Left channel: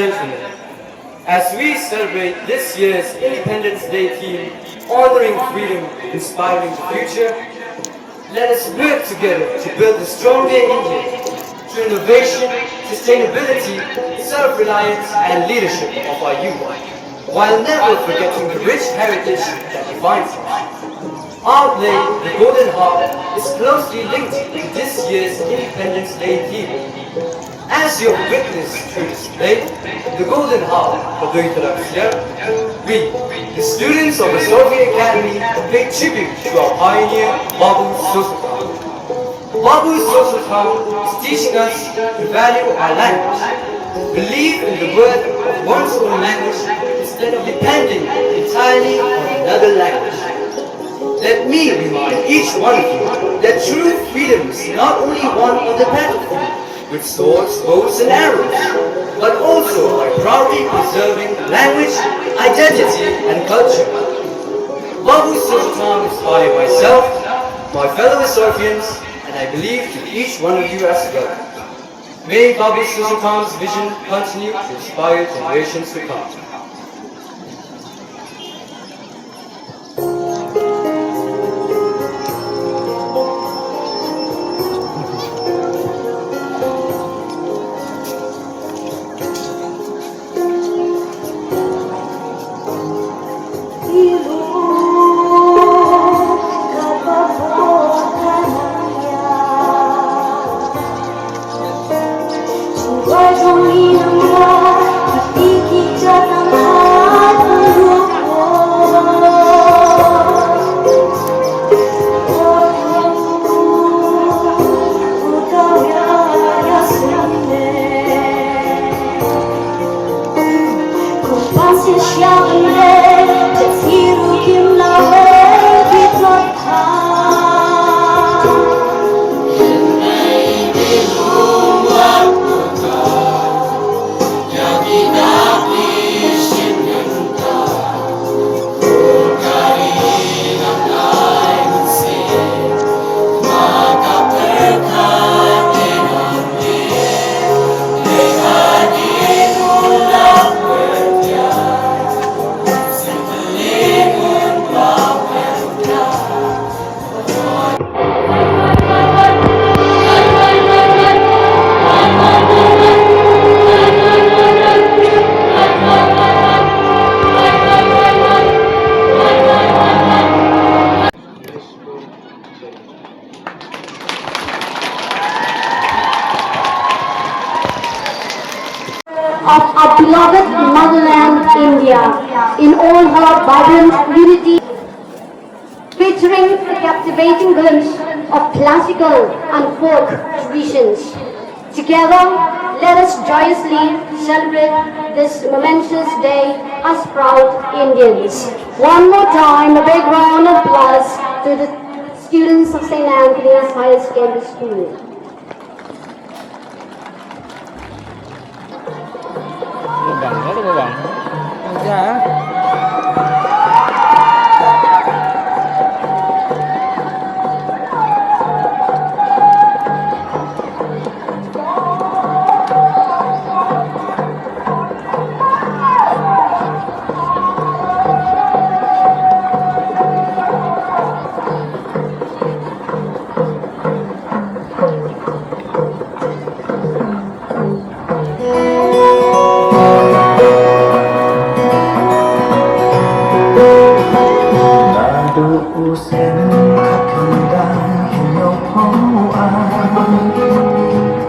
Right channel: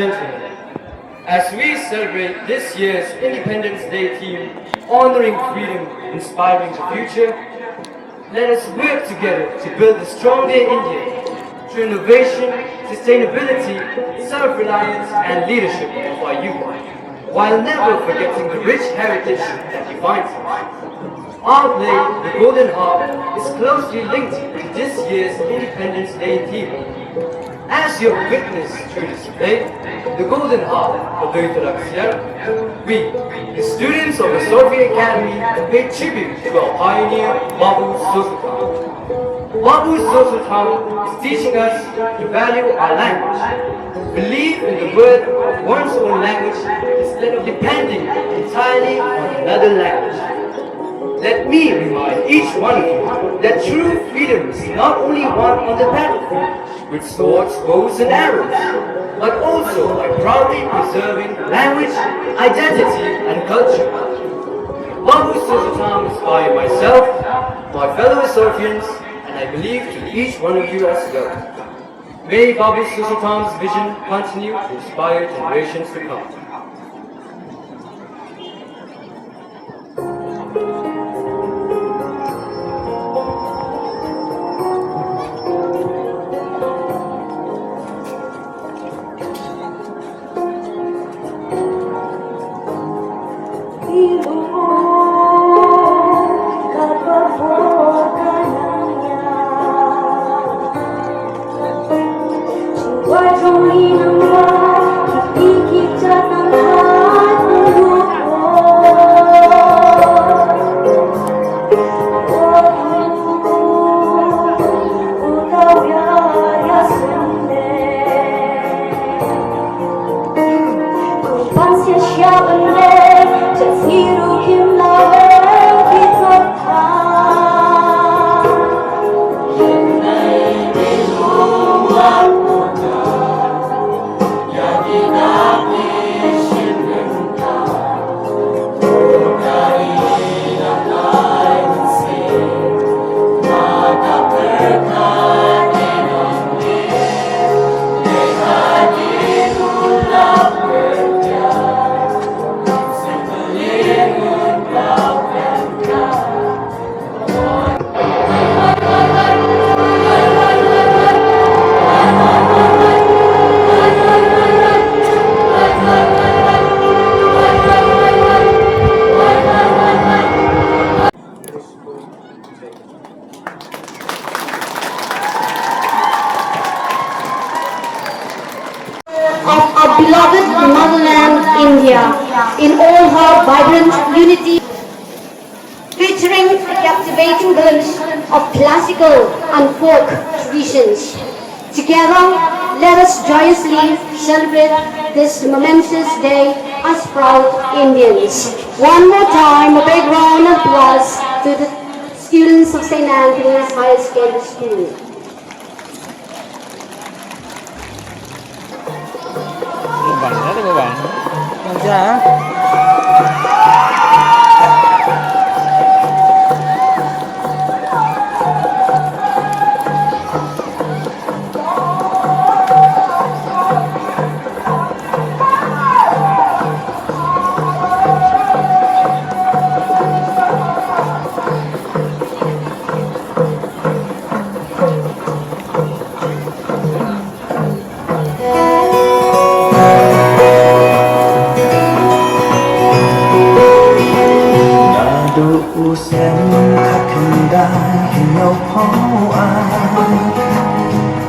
gentlemen, as we celebrate this year's Independence Day theme, honoring freedom, inspiring the future, let us work together to build a stronger India through innovation, sustainability, self-reliance and leadership of our youth, while never forgetting the rich heritage that defines us. Our play, The Golden Harp, is closely linked to this year's Independence Day theme. As you have witnessed through this play, The Golden Harp, we, the students of the Soviet Academy, pay tribute to our pioneer, Babu Sultan. Babu Sultan is teaching us to value our language, believe in the worth of one's own language instead of depending entirely on another language. Let me remind each one of you that true freedom is not only won on the battlefield with swords, bows and arrows, but also by proudly preserving language, identity and culture. Babu Sultan inspired myself, my fellow Sofians, and I believe to each one of you as well. May Babu Sultan's vision continue to inspire generations to come. Beloved motherland India in all her vibrant unity, featuring a captivating glimpse of classical and folk traditions. Together, let us joyously celebrate this momentous day as proud Indians. One more time, a big round of applause to the students of St. Anthony's High Secondary School. Bằng đó đó các bạn. Ra. Sen khắp khăn đá một hố ai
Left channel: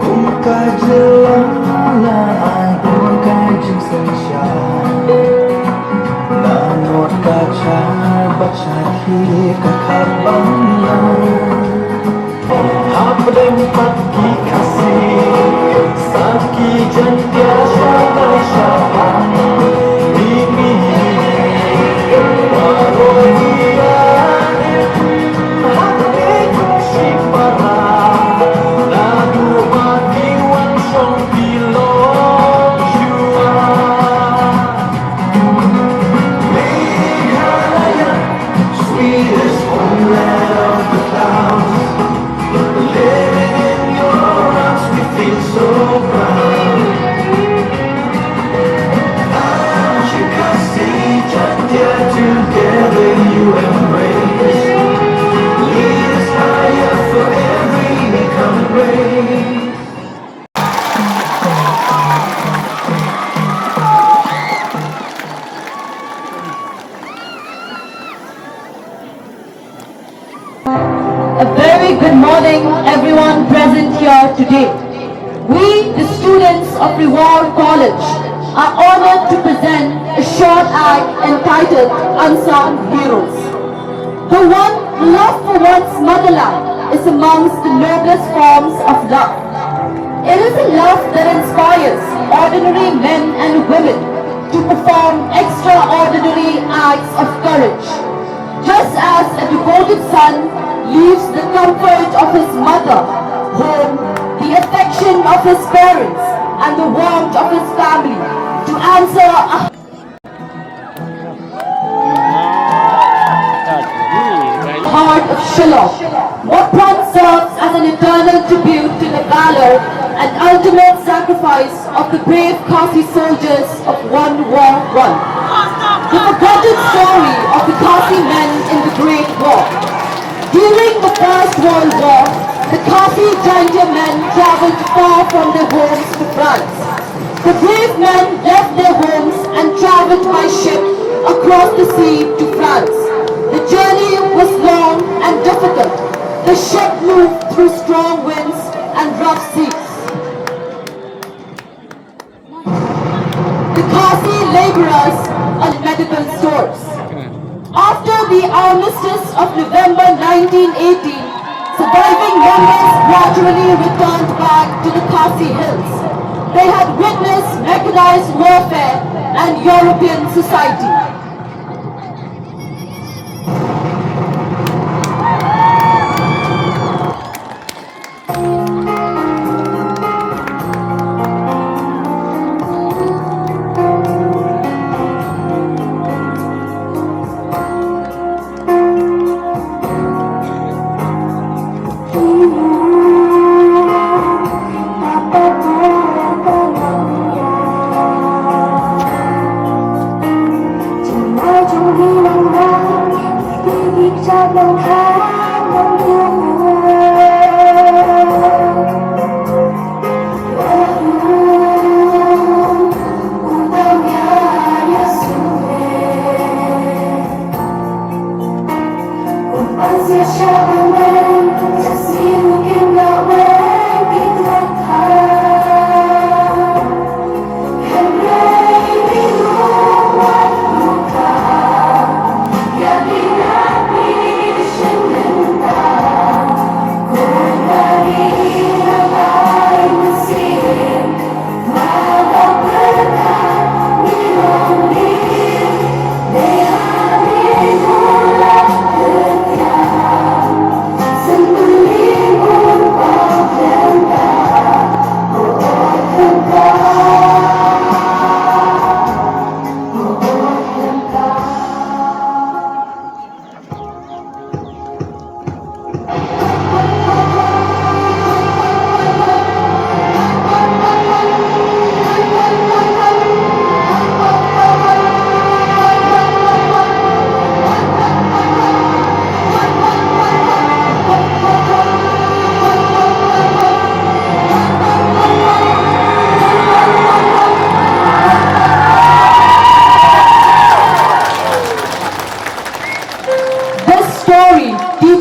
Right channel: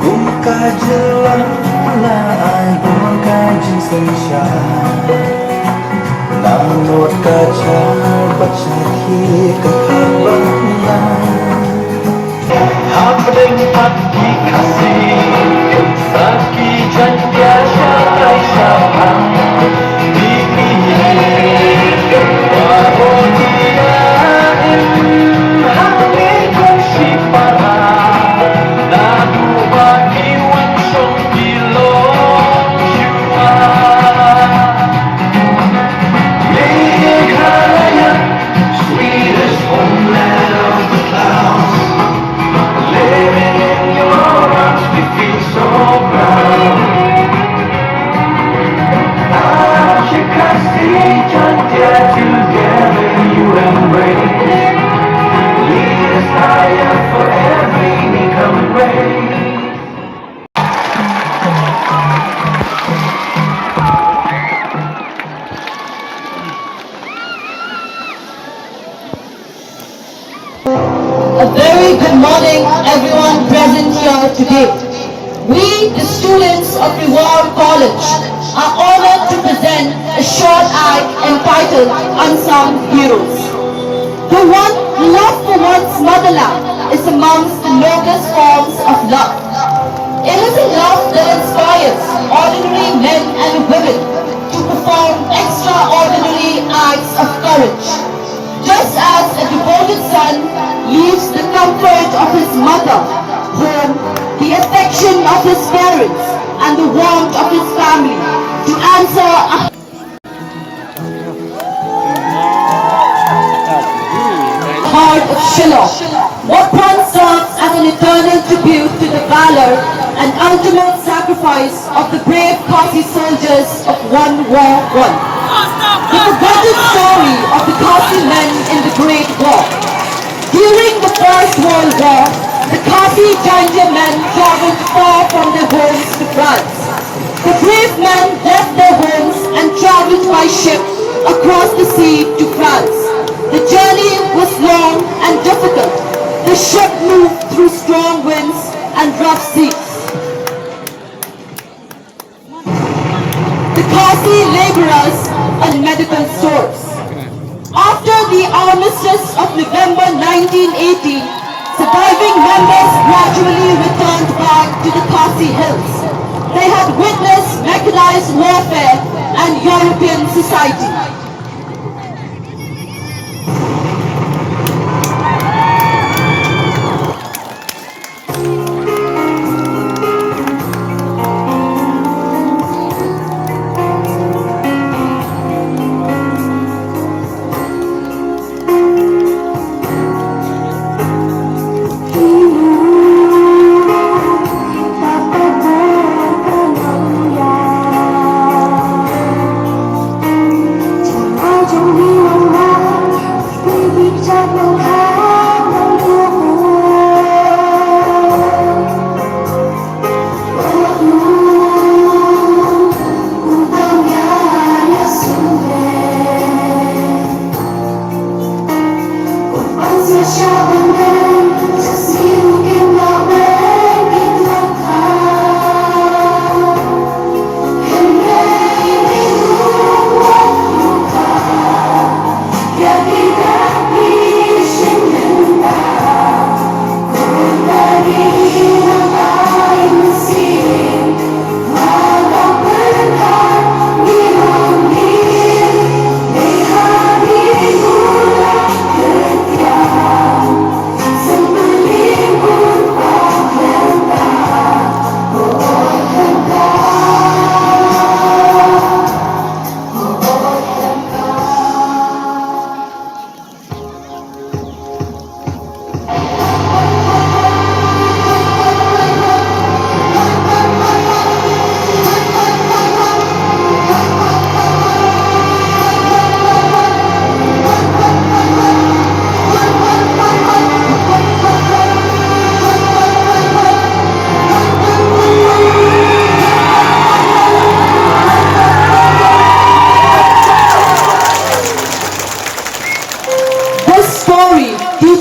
cũng cái chưa là ai cũng cái chính sân trà và một cái cha bắt cha khi cái khát bóng hấp dẫn hấp dẫn kasih sakit dan biasa bersama Sweetest morning, everyone present here today. We, the students of the War College, are honored to present a short act entitled Unsung Heroes. The one love for one's motherland is amongst the noblest forms of love. It is a love that inspires ordinary men and women to perform extraordinary acts of courage. Just as a devoted son leaves the comfort of his mother, home, the affection of his parents, and the warmth of his family to answer a heart of Shiloh. Motran serves as an eternal tribute to the valor and ultimate sacrifice of the brave Khasi soldiers of World War I. The forgotten story of the Khasi men in the Great War. During the First World War, the Khasi Jing men traveled far from their homes to France. The brave men left their homes and traveled by ship across the sea to France. The journey was long and difficult. The ship moved through strong winds and rough seas. The Khasi laborers and medical stores. After the armistice of November 1980, surviving members gradually returned back to the Khasi hills. They had witnessed mechanized warfare and European society.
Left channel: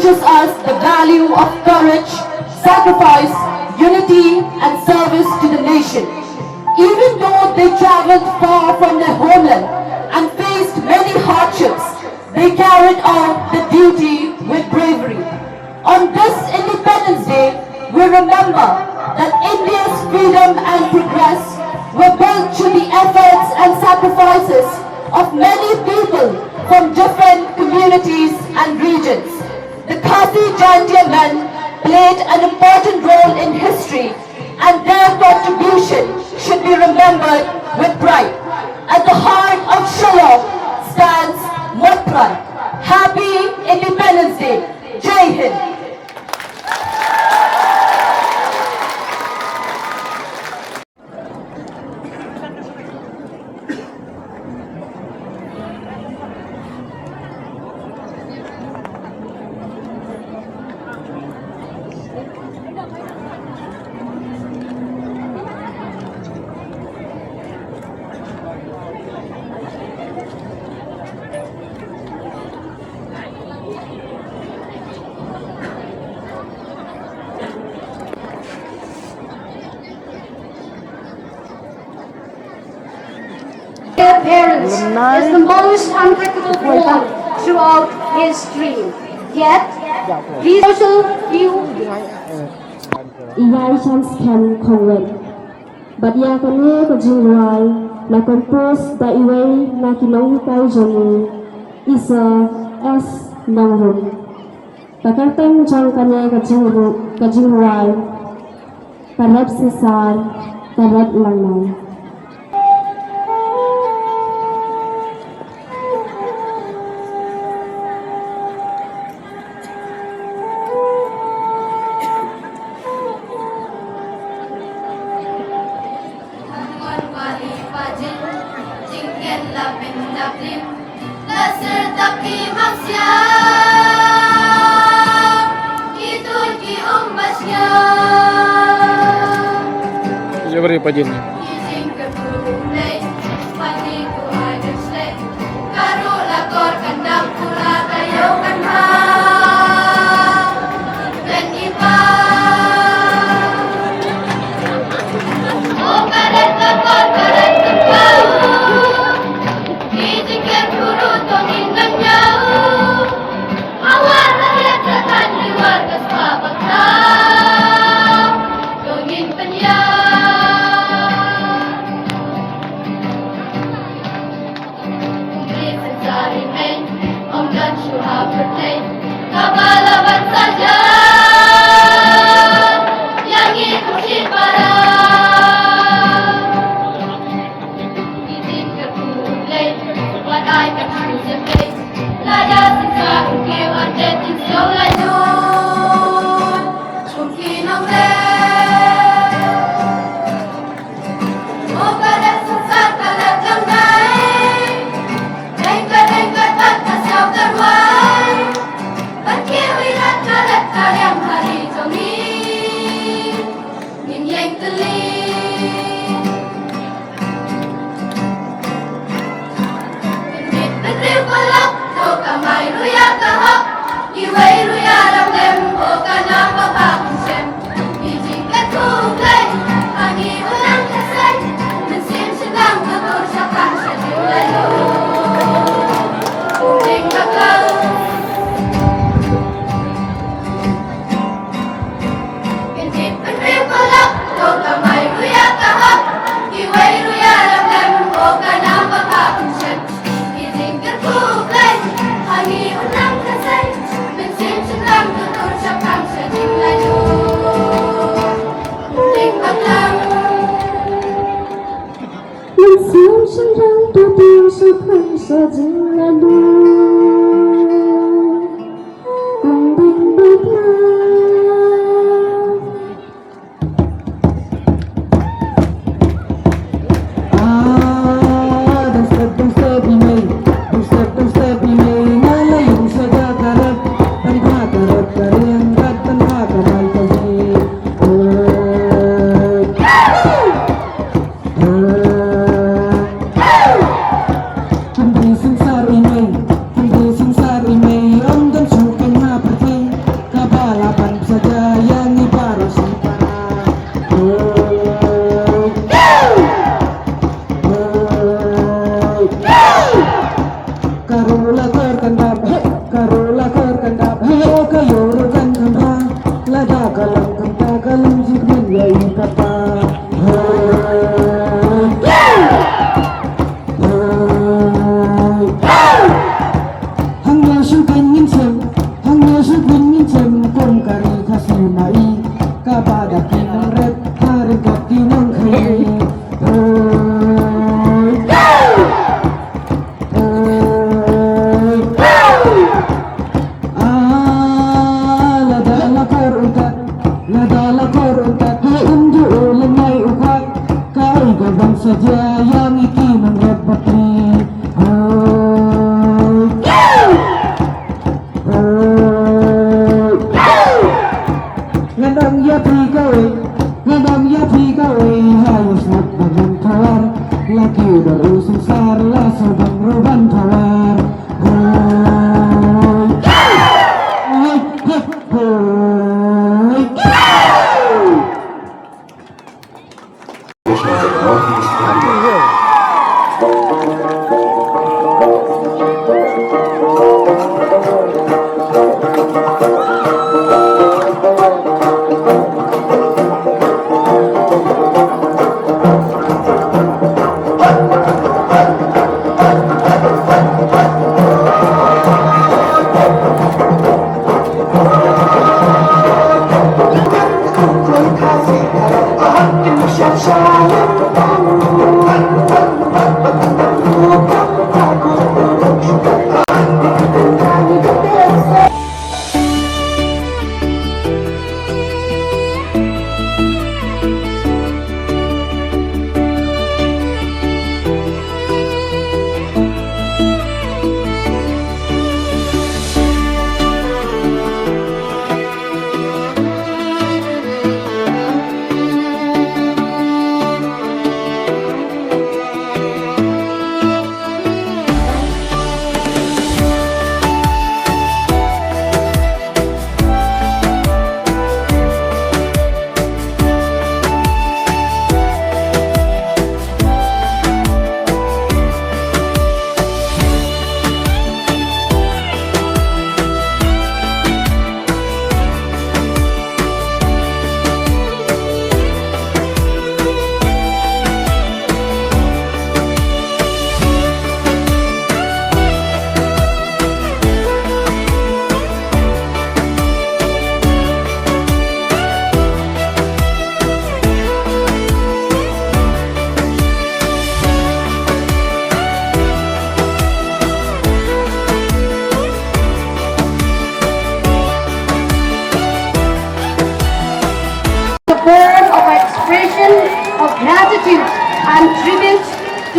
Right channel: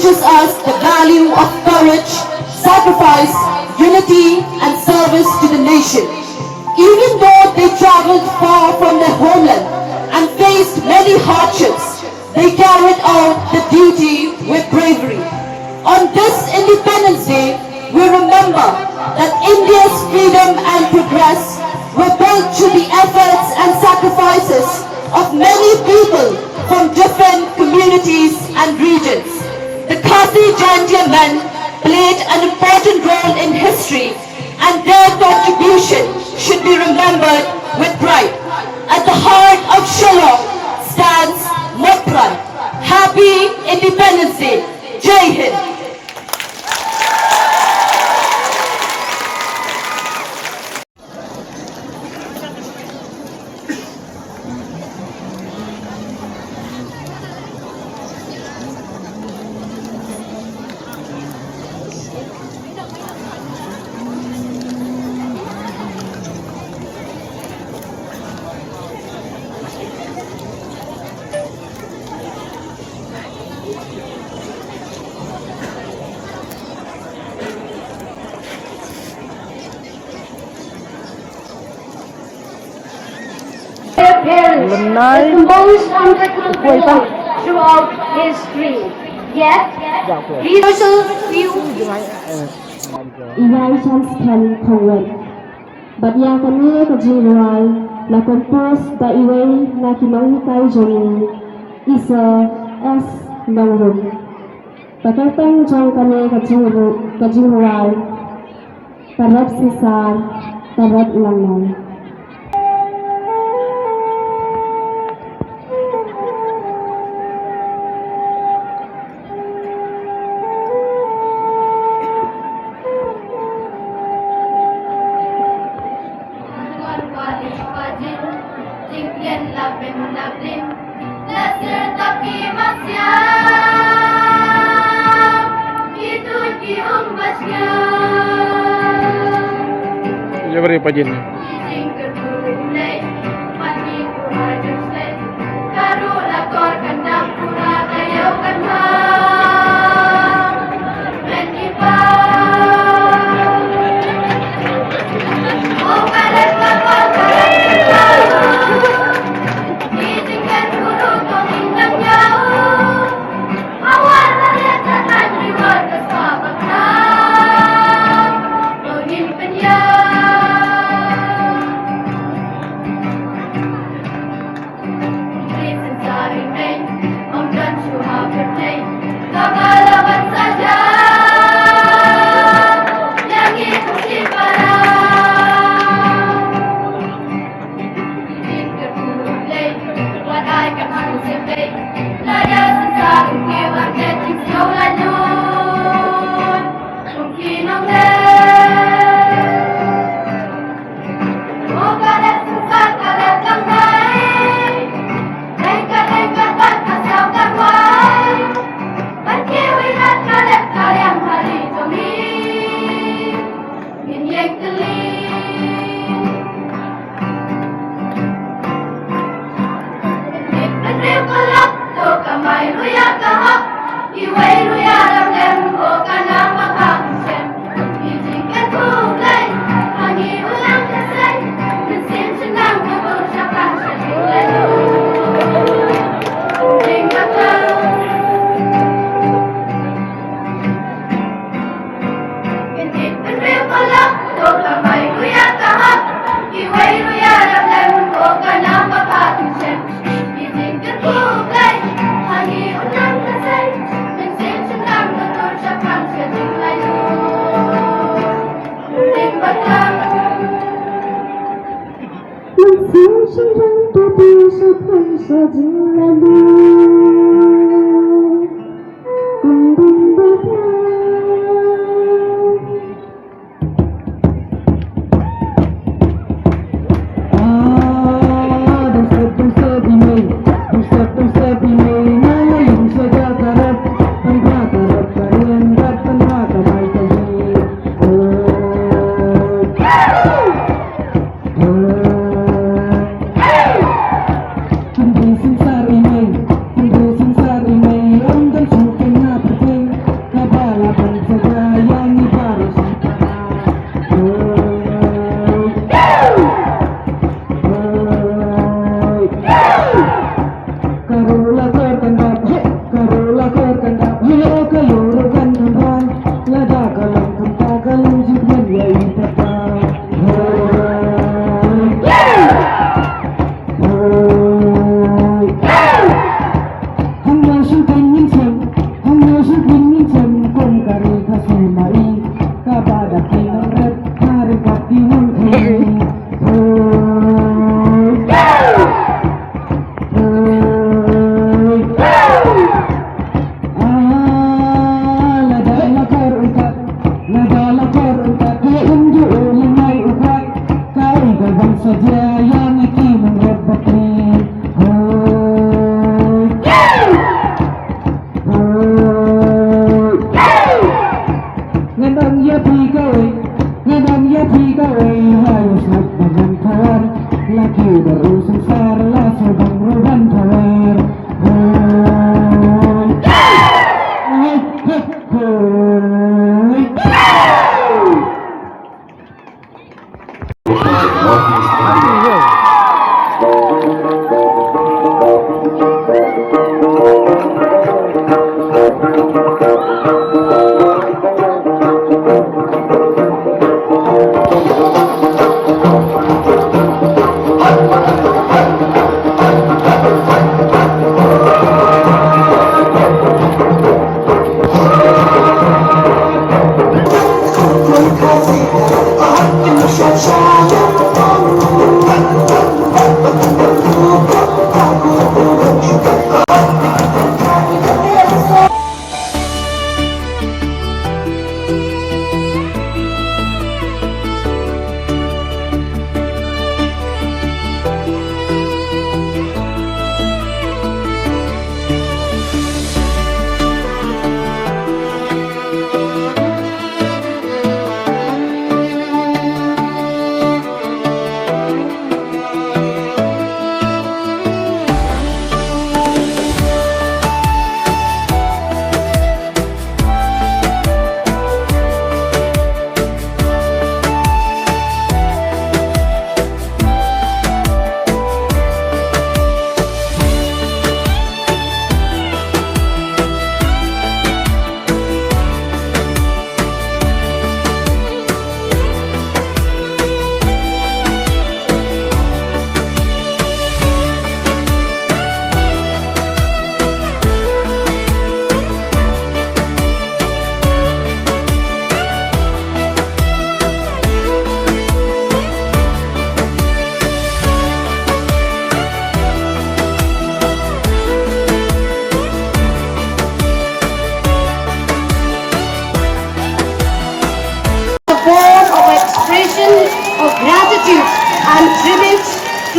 teaches us the value of courage, sacrifice, unity, and service to the nation. Even though they traveled far from their homeland and faced many hardships, they carried out the duty with bravery. On this Independence Day, we remember that India's freedom and progress were built through the efforts and sacrifices of many people from different communities and regions. The Khasi Jantia men played an important role in history, and their contribution should be remembered with pride. At the heart of Shiloh stands Motran. Happy Independence Day. Jai Hind. appearance is the most unbreakable bond throughout history. Yet, his social view Iwai chance can convert. But yang kami kejingual na compose da iwai na kinangkay joni isa as nangrum. Pakatang jang kami kejingual tarap sisar tarap langman. Jabari pajin.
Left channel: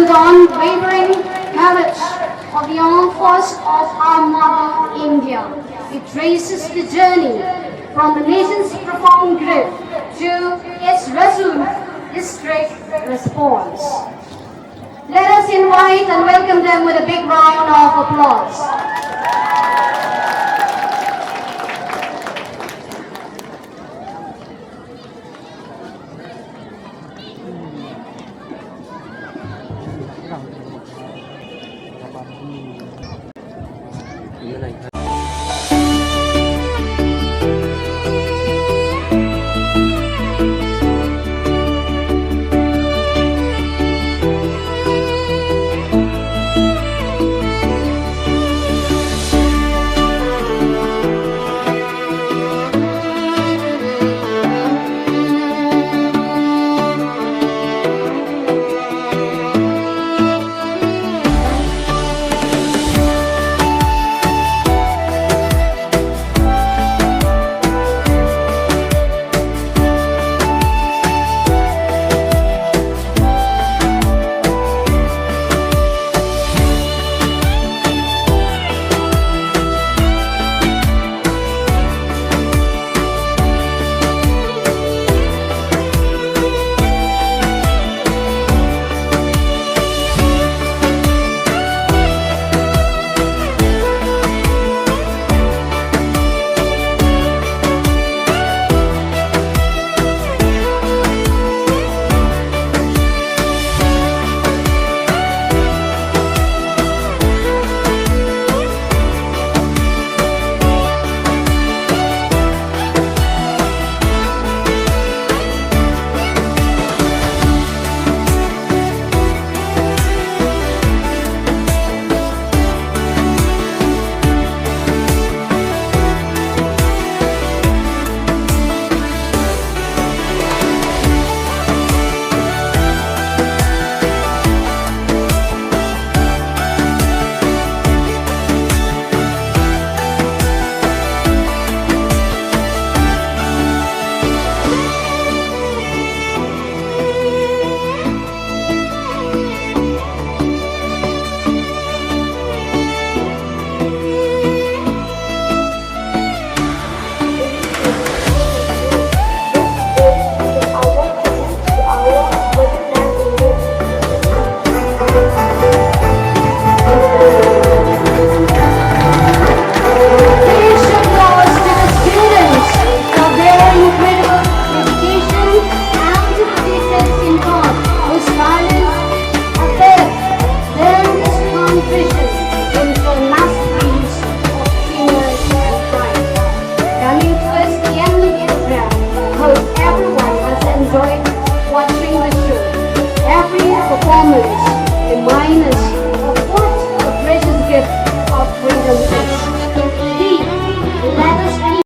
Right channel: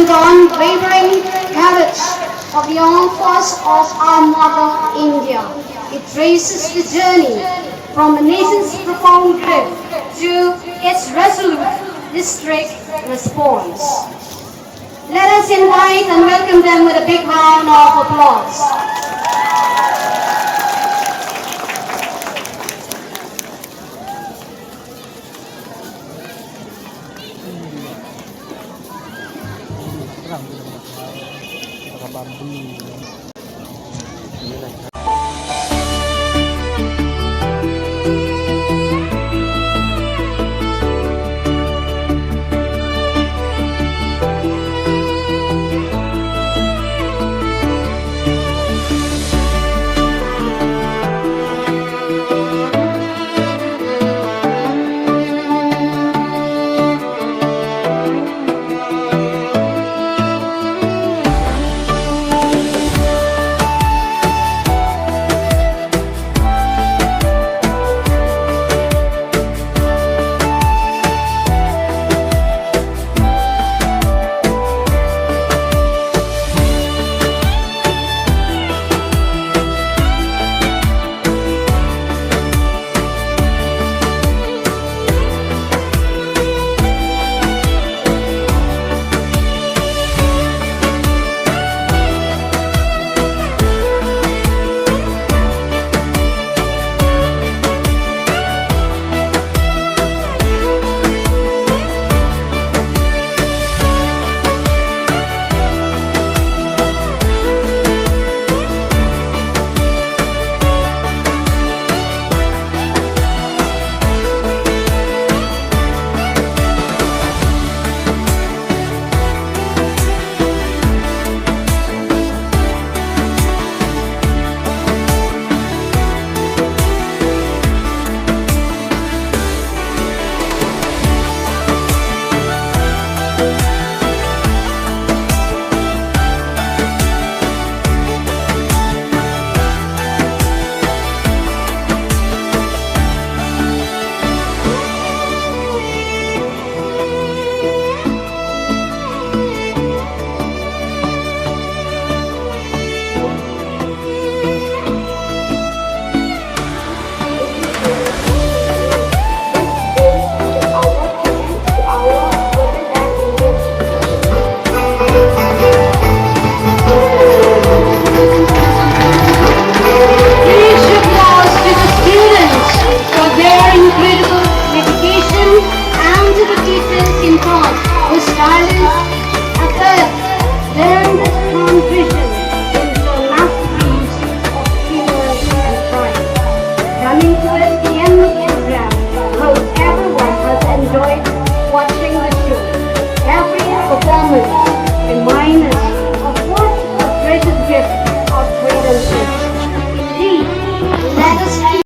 to the unwavering courage of the armed force of our mother India. It traces the journey from the nation's profound grip to its resolute district response. Let us invite and welcome them with a big round of applause.